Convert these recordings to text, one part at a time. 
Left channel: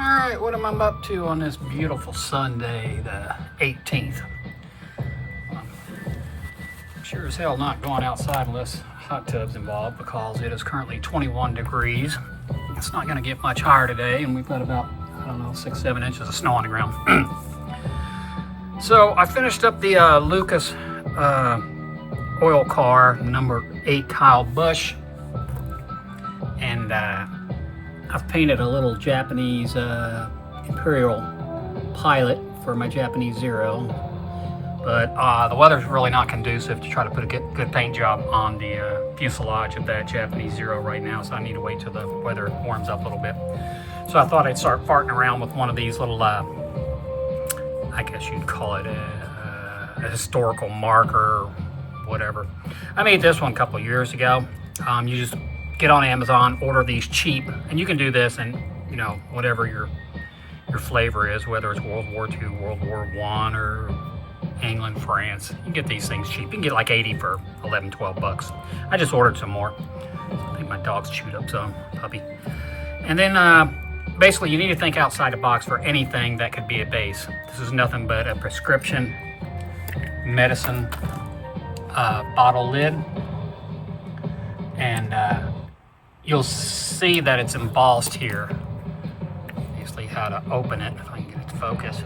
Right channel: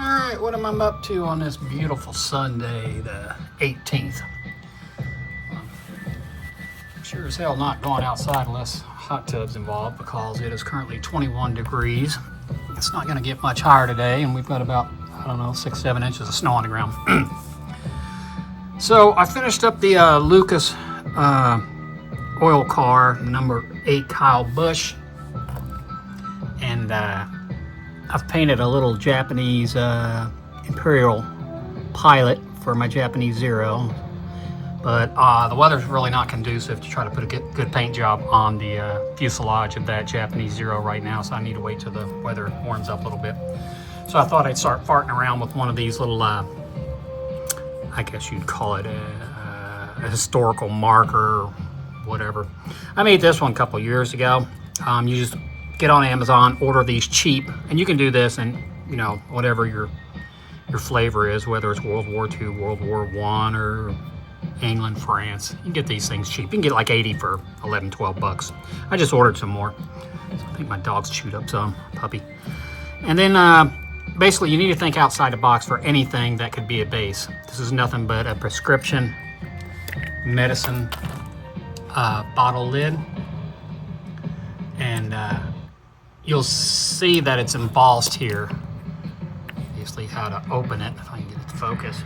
Alright, what am I up to on this beautiful Sunday, the 18th? I'm sure as hell not going outside unless hot tub's involved because it is currently 21 degrees. It's not going to get much higher today, and we've got about, I don't know, 6-7 inches of snow on the ground. So I finished up the Lucas oil car, number 8 Kyle Busch, and I've painted a little Japanese Imperial Pilot for my Japanese Zero, but the weather's really not conducive to try to put a good paint job on the fuselage of that Japanese Zero right now, so I need to wait till the weather warms up a little bit. So I thought I'd start farting around with one of these little, I guess you'd call it a historical marker, or whatever. I made this one a couple years ago. You just get on Amazon, order these cheap, and you can do this and, you know, whatever your flavor is, whether it's World War II, World War I, or England, France. You can get these things cheap. You can get like 80 for 11, 12 bucks. I just ordered some more. So I think my dog's chewed up some, puppy. And then basically you need to think outside the box for anything that could be a base. This is nothing but a prescription medicine bottle lid. And you'll see that it's embossed here. Basically how to open it. If I can get it to focus.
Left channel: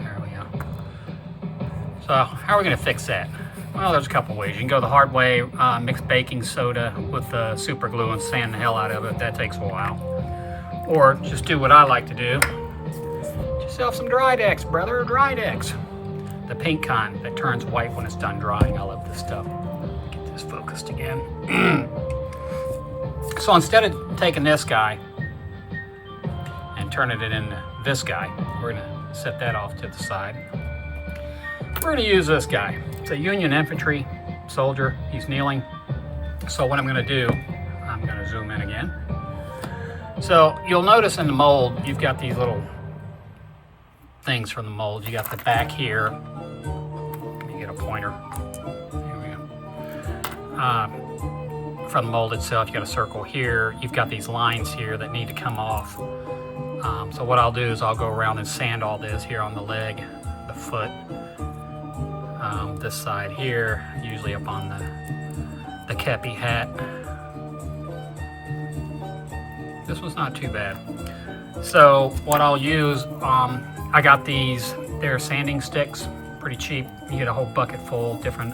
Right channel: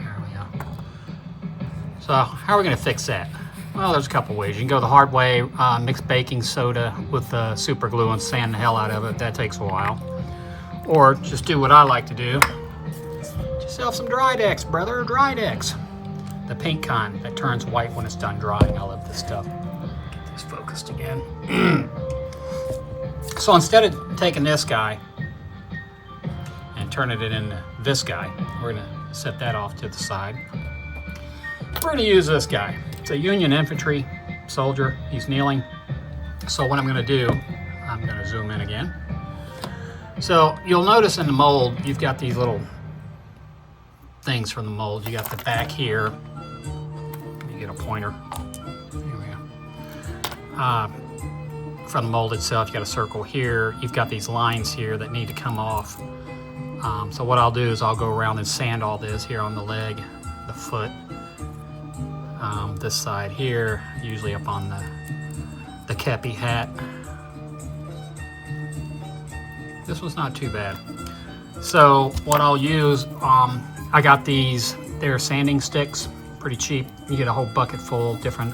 There we go. So how are we going to fix that? Well, there's a couple ways. You can go the hard way, mix baking soda with super glue and sand the hell out of it. That takes a while. Or just do what I like to do. Get yourself some Drydex, brother. Drydex. The pink kind that turns white when it's done drying. I love this stuff. Get this focused again. So instead of taking this guy and turning it into this guy, we're gonna set that off to the side. We're gonna use this guy. It's a Union infantry soldier. He's kneeling. So what I'm gonna do, I'm gonna zoom in again. So you'll notice in the mold, you've got these little things from the mold. You got the back here. Let me get a pointer. Here we go. From the mold itself, you got a circle here. You've got these lines here that need to come off. So what I'll do is I'll go around and sand all this here on the leg, the foot, this side here, usually up on the kepi hat. This one's not too bad. So what I'll use, I got these, they're sanding sticks, pretty cheap. You get a whole bucket full, different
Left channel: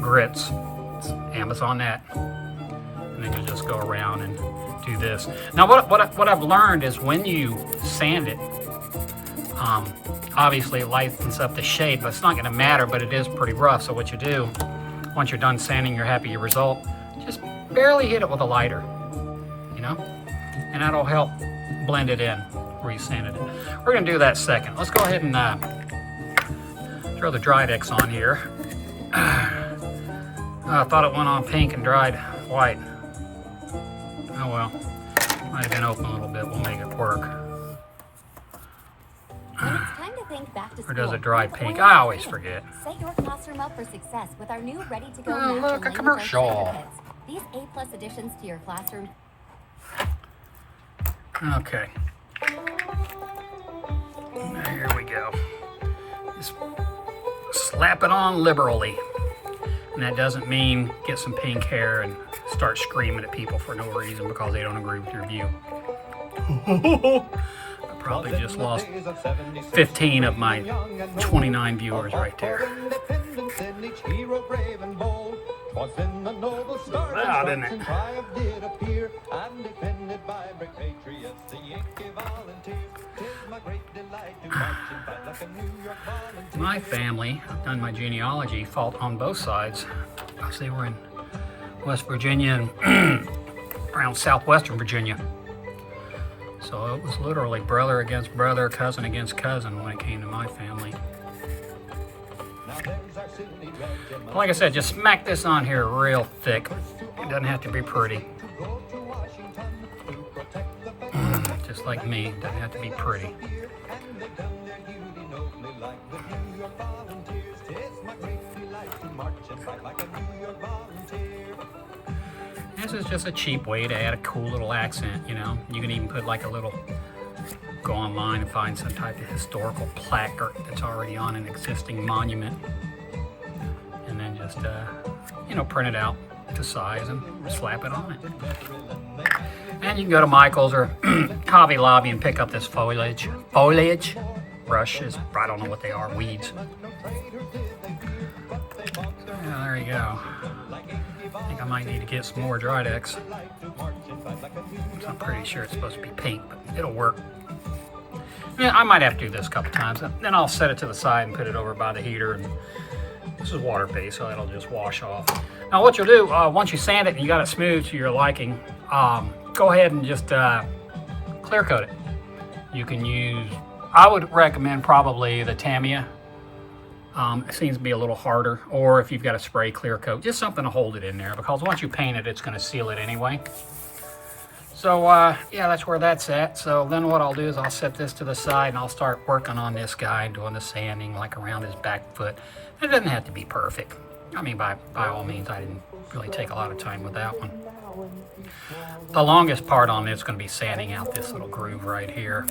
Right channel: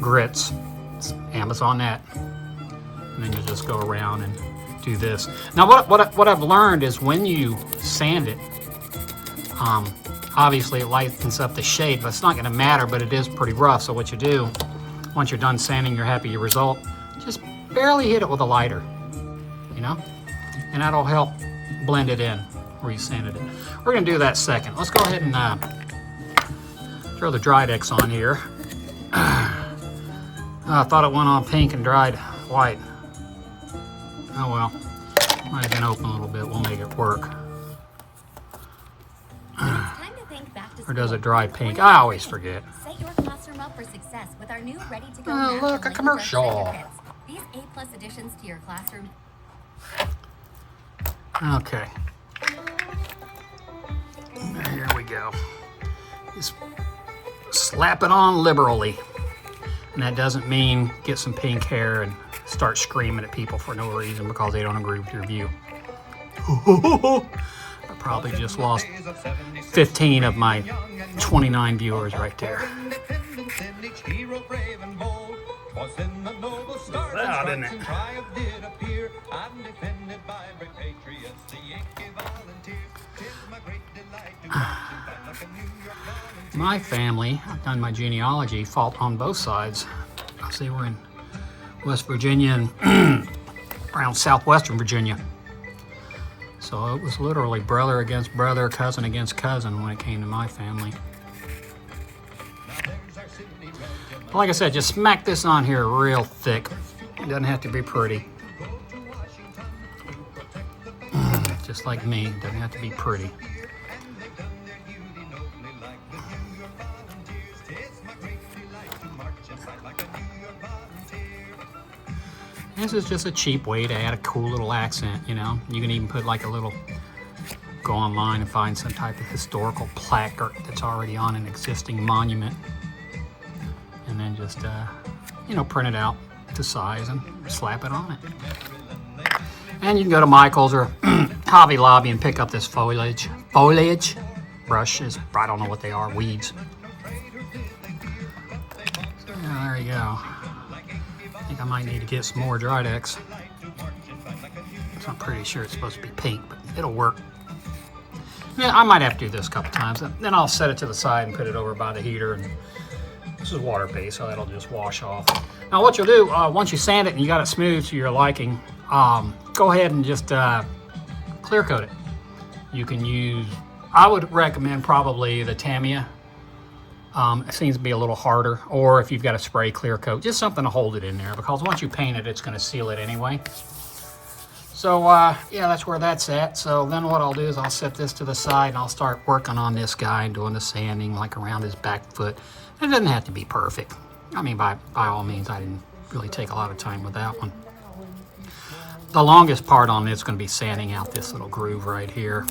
grits. It's Amazon net. And then you just go around and do this. Now what I've learned is when you sand it, obviously it lightens up the shade, but it's not gonna matter, but it is pretty rough. So what you do, once you're done sanding, you're happy your result, just barely hit it with a lighter, you know? And that'll help blend it in where you sanded it. We're gonna do that second. Let's go ahead and throw the Drydex on here. I thought it went on pink and dried white. Oh well, might have been open a little bit. We'll make it work. Or does it dry pink? I always forget. Set your classroom up for success with our new ready-to-go Oh, look, a commercial. These A+ additions to your classroom. Okay. Here we go. Just slap it on liberally. And that doesn't mean get some pink hair and start screaming at people for no reason because they don't agree with your view. I probably just lost 15 of my 29 viewers right there. Wow, didn't it? My family, I've done my genealogy, fought on both sides. They were in West Virginia and around southwestern Virginia. So it was literally brother against brother, cousin against cousin when it came to my family. Like I said, just smack this on here real thick. It doesn't have to be pretty. Just like me, it doesn't have to be pretty. This is just a cheap way to add a cool little accent, you know. You can even put like a little go online and find some type of historical plaque that's already on an existing monument, and then just you know, print it out to size and slap it on it. And you can go to Michael's or Hobby Lobby and pick up this foliage brushes. I don't know what they are, weeds. So, yeah, there you go. I think I might need to get some more Drydex. I'm pretty sure it's supposed to be pink, but it'll work. Yeah, I might have to do this a couple times. Then I'll set it to the side and put it over by the heater. And this is water-based, so it'll just wash off. Now what you'll do, once you sand it and you got it smooth to your liking, go ahead and just clear coat it. You can use, I would recommend probably the Tamiya. It seems to be a little harder, or if you've got a spray clear coat, just something to hold it in there, because once you paint it, it's going to seal it anyway. So yeah, that's where that's at. So then what I'll do is I'll set this to the side and I'll start working on this guy, doing the sanding like around his back foot. It doesn't have to be perfect. I mean, by all means, I didn't really take a lot of time with that one. The longest part on this is going to be sanding out this little groove right here.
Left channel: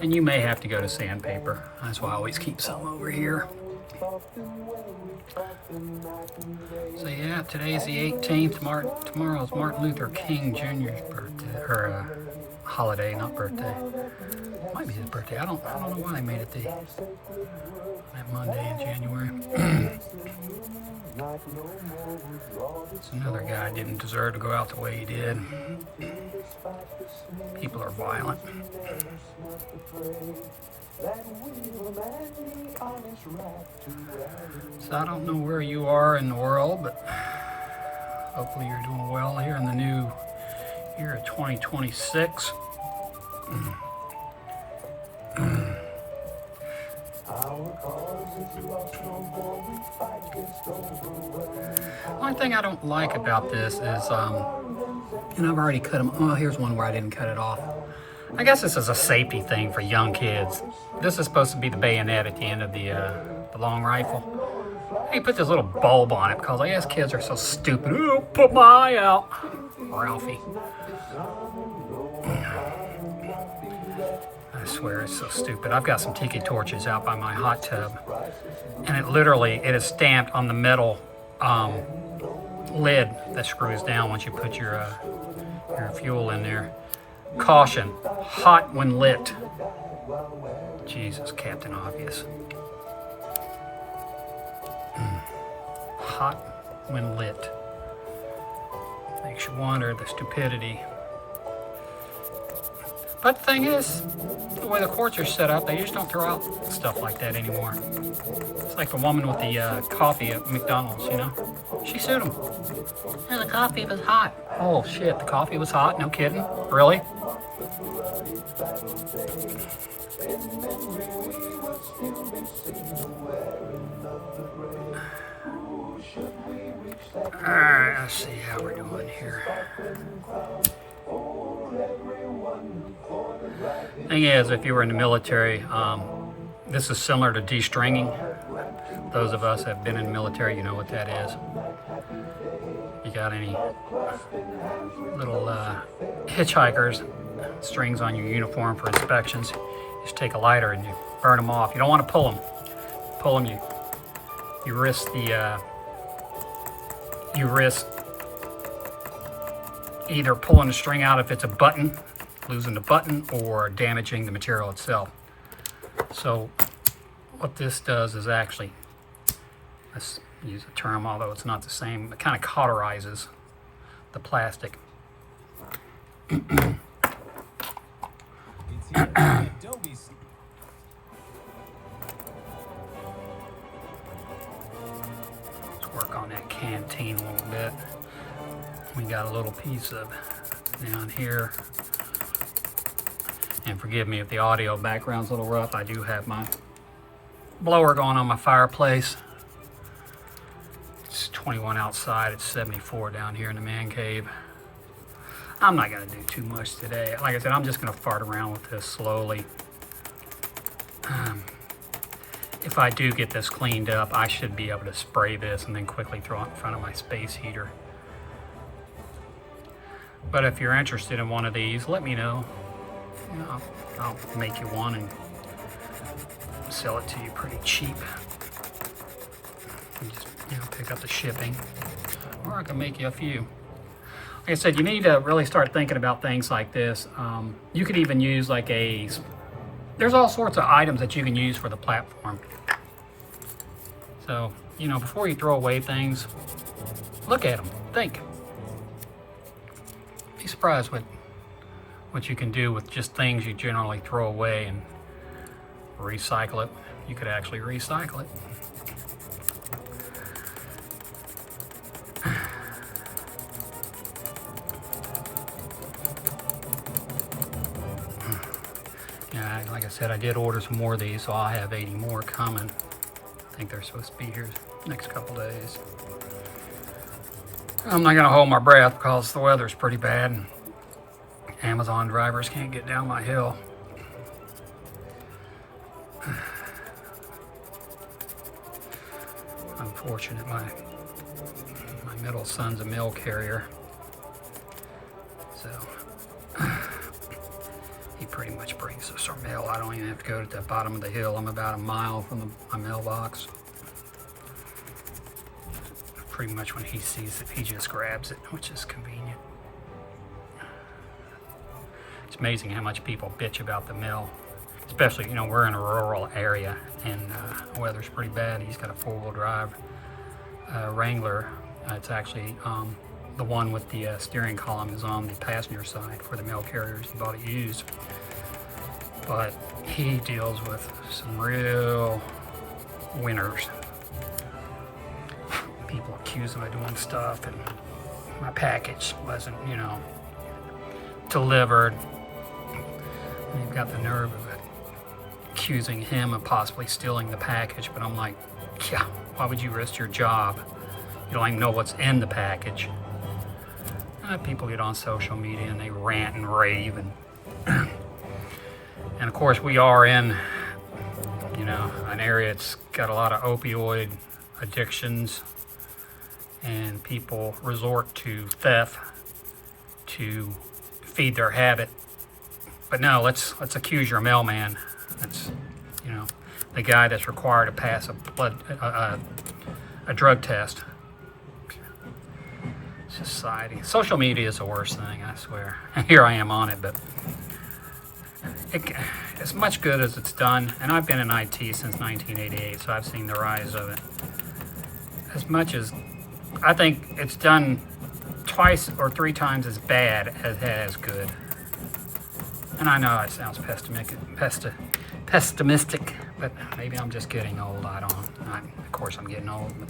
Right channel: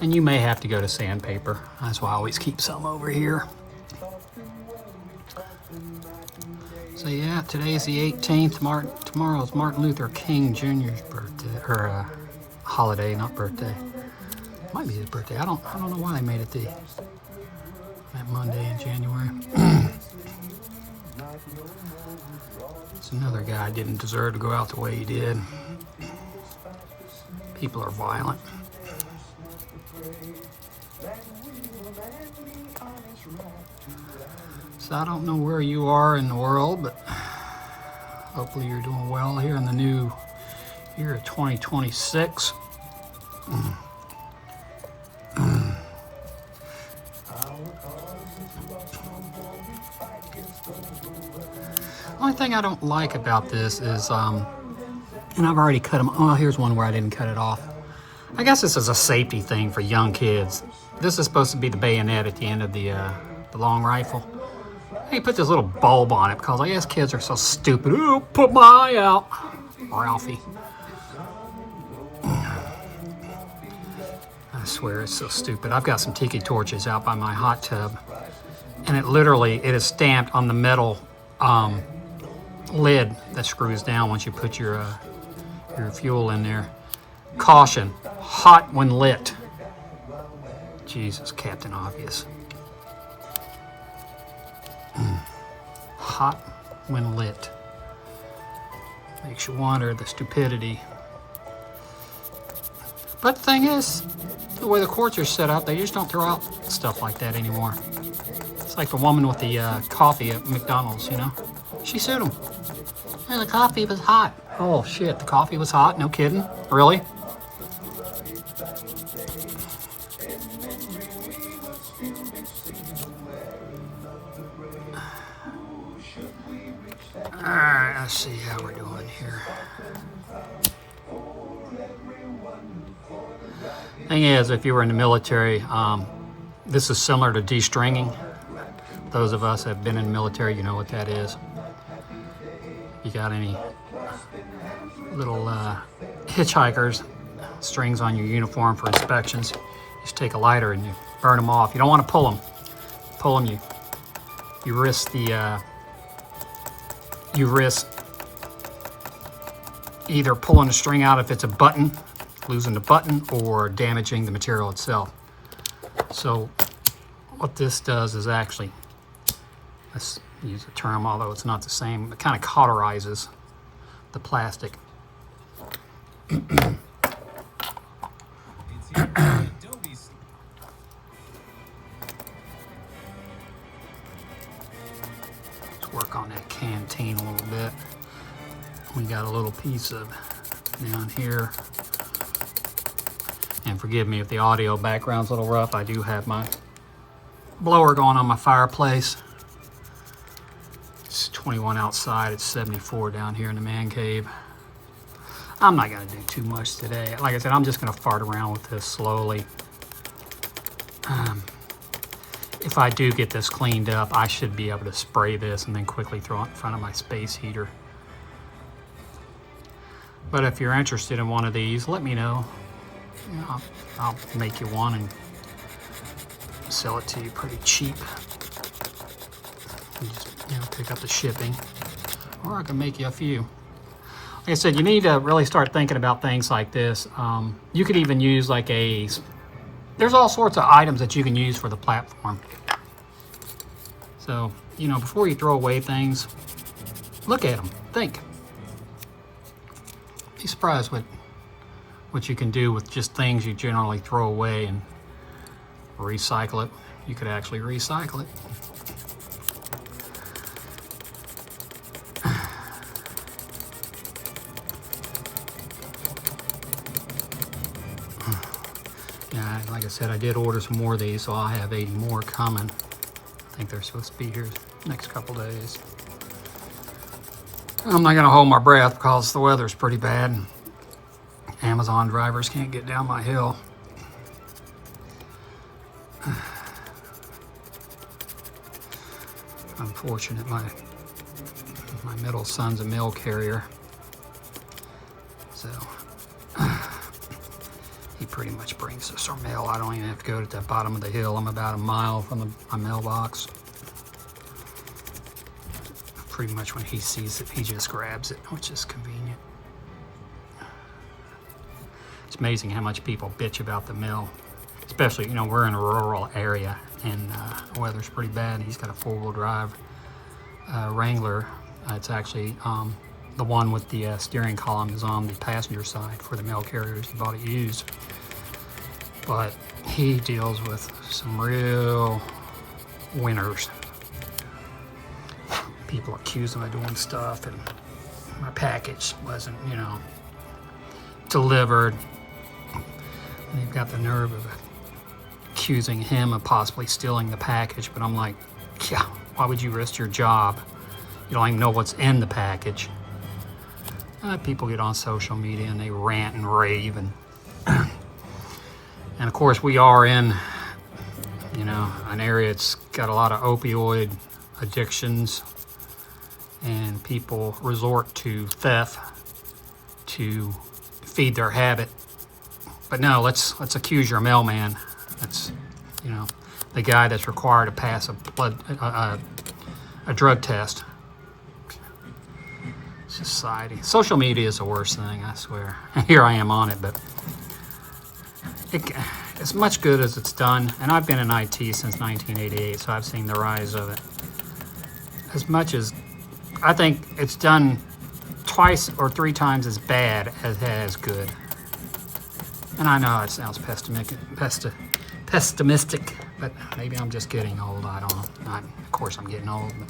And you may have to go to sandpaper. That's why I always keep some over here. So yeah, today is the 18th. Tomorrow is Martin Luther King Jr.'s birthday, or holiday, not birthday. Might be his birthday. I don't know why they made it that Monday in January. It's another guy didn't deserve to go out the way he did. People are violent. So I don't know where you are in the world, but hopefully you're doing well here in the new year of 2026. Only thing I don't like about this is, and I've already cut them. Oh, here's one where I didn't cut it off. I guess this is a safety thing for young kids. This is supposed to be the bayonet at the end of the long rifle. They put this little bulb on it because I guess kids are so stupid. Oh, put my eye out, Ralphie. I swear it's so stupid. I've got some tiki torches out by my hot tub, and it is stamped on the metal lid that screws down once you put your fuel in there. Caution, hot when lit. Jesus, Captain Obvious. Hot when lit. Makes you wonder the stupidity. But the thing is, the way the courts are set up, they just don't throw out stuff like that anymore. It's like the woman with the coffee at McDonald's, you know? She sued him. And the coffee was hot. Oh shit, the coffee was hot? No kidding? Really? Alright, let's see how we're doing here. Thing is, if you were in the military, this is similar to de-stringing. Those of us that have been in the military, you know what that is. You got any little hitchhikers, strings on your uniform for inspections, you just take a lighter and you burn them off. You don't want to pull them. Pull them, you risk either pulling the string out if it's a button, losing the button, or damaging the material itself. So what this does is actually, let's use a term, although it's not the same, it kind of cauterizes the plastic. Let's work on that canteen a little bit. We got a little piece of down here. And forgive me if the audio background's a little rough. I do have my blower going on my fireplace. It's 21 outside, it's 74 down here in the man cave. I'm not gonna do too much today. Like I said, I'm just gonna fart around with this slowly. If I do get this cleaned up, I should be able to spray this and then quickly throw it in front of my space heater. But if you're interested in one of these, let me know. I'll make you one and sell it to you pretty cheap. You just, pick up the shipping, or I can make you a few. Like I said, you need to really start thinking about things like this. You could even use like there's all sorts of items that you can use for the platform. So, before you throw away things, look at them, think. Be surprised what you can do with just things you generally throw away and recycle it. You could actually recycle it. Yeah, like I said, I did order some more of these, so I'll have 80 more coming. I think they're supposed to be here next couple days. I'm not gonna hold my breath because the weather's pretty bad. Amazon drivers can't get down my hill. Unfortunate, my middle son's a mail carrier, so he pretty much brings us our mail. I don't even have to go to the bottom of the hill. I'm about a mile from my mailbox. Pretty much when he sees it, he just grabs it, which is convenient. It's amazing how much people bitch about the mail, especially, we're in a rural area and the weather's pretty bad. He's got a four-wheel drive Wrangler. It's actually the one with the steering column is on the passenger side for the mail carriers. He bought it used, but he deals with some real winners. People accuse him of doing stuff, and my package wasn't, delivered. And you've got the nerve of accusing him of possibly stealing the package, but I'm like, yeah, why would you risk your job? You don't even know what's in the package. People get on social media and they rant and rave, and of course we are in, an area that's got a lot of opioid addictions, and people resort to theft to feed their habit. But no, let's accuse your mailman. That's, the guy that's required to pass a drug test. Society. Social media is the worst thing, I swear. And here I am on it, but as much good as it's done, and I've been in IT since 1988, so I've seen the rise of it. As much as I think it's done twice or three times as bad as it has good. And I know it sounds pessimistic, but maybe I'm just getting old. I don't know. Of course I'm getting old. But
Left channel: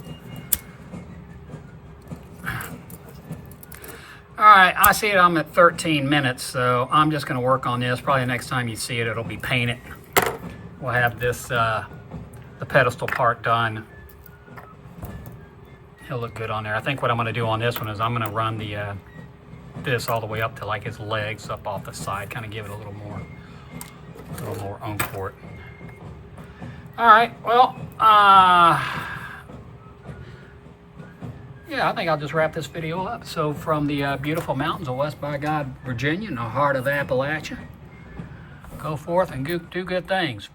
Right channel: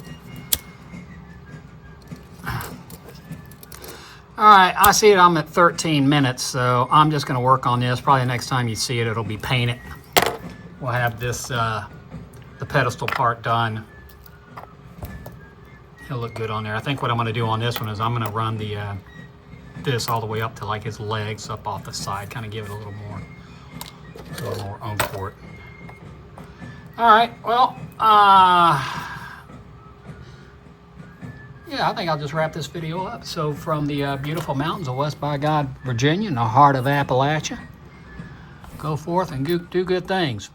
all right, I see it. I'm at 13 minutes, so I'm just going to work on this. Probably the next time you see it, it'll be painted. We'll have this, the pedestal part done. He'll look good on there. I think what I'm going to do on this one is I'm going to run the this all the way up to like his legs up off the side, kind of give it a little more oomph for it. All right, well, yeah, I think I'll just wrap this video up. So from the beautiful mountains of West by God, Virginia, in the heart of Appalachia, go forth and do good things.